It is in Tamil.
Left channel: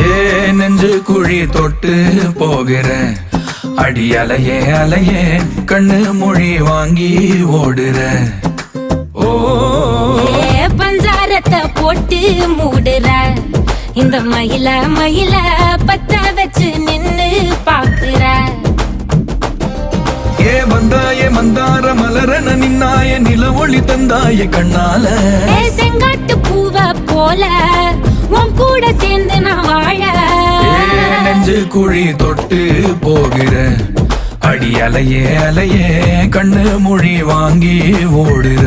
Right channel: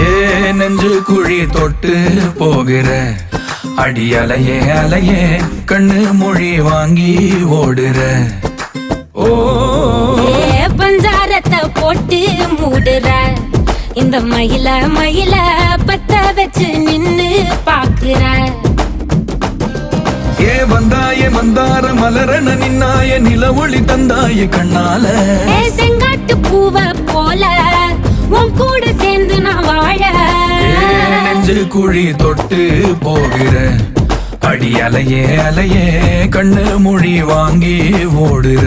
ஏ நெஞ்சு குழி தொட்டு போகிற அடி அலையே அலையே கண்ணு மொழி வாங்கி ஓடுற. ஓ பஞ்சாரத்தை போட்டு மூடுற இந்த மயில மயில பத்த வச்சு நின்னு பாக்குற. ஏ வந்தாய மந்தார மலரன நின்னாய நில ஒளி தந்தாய கண்ணால. செங்காட்டு பூவ போல உன் கூட சேர்ந்து நான் வாழ. நெஞ்சு குழி தொட்டு போகிற அடி அலையே அலையே கண்ணு மொழி வாங்கி ஓடுற.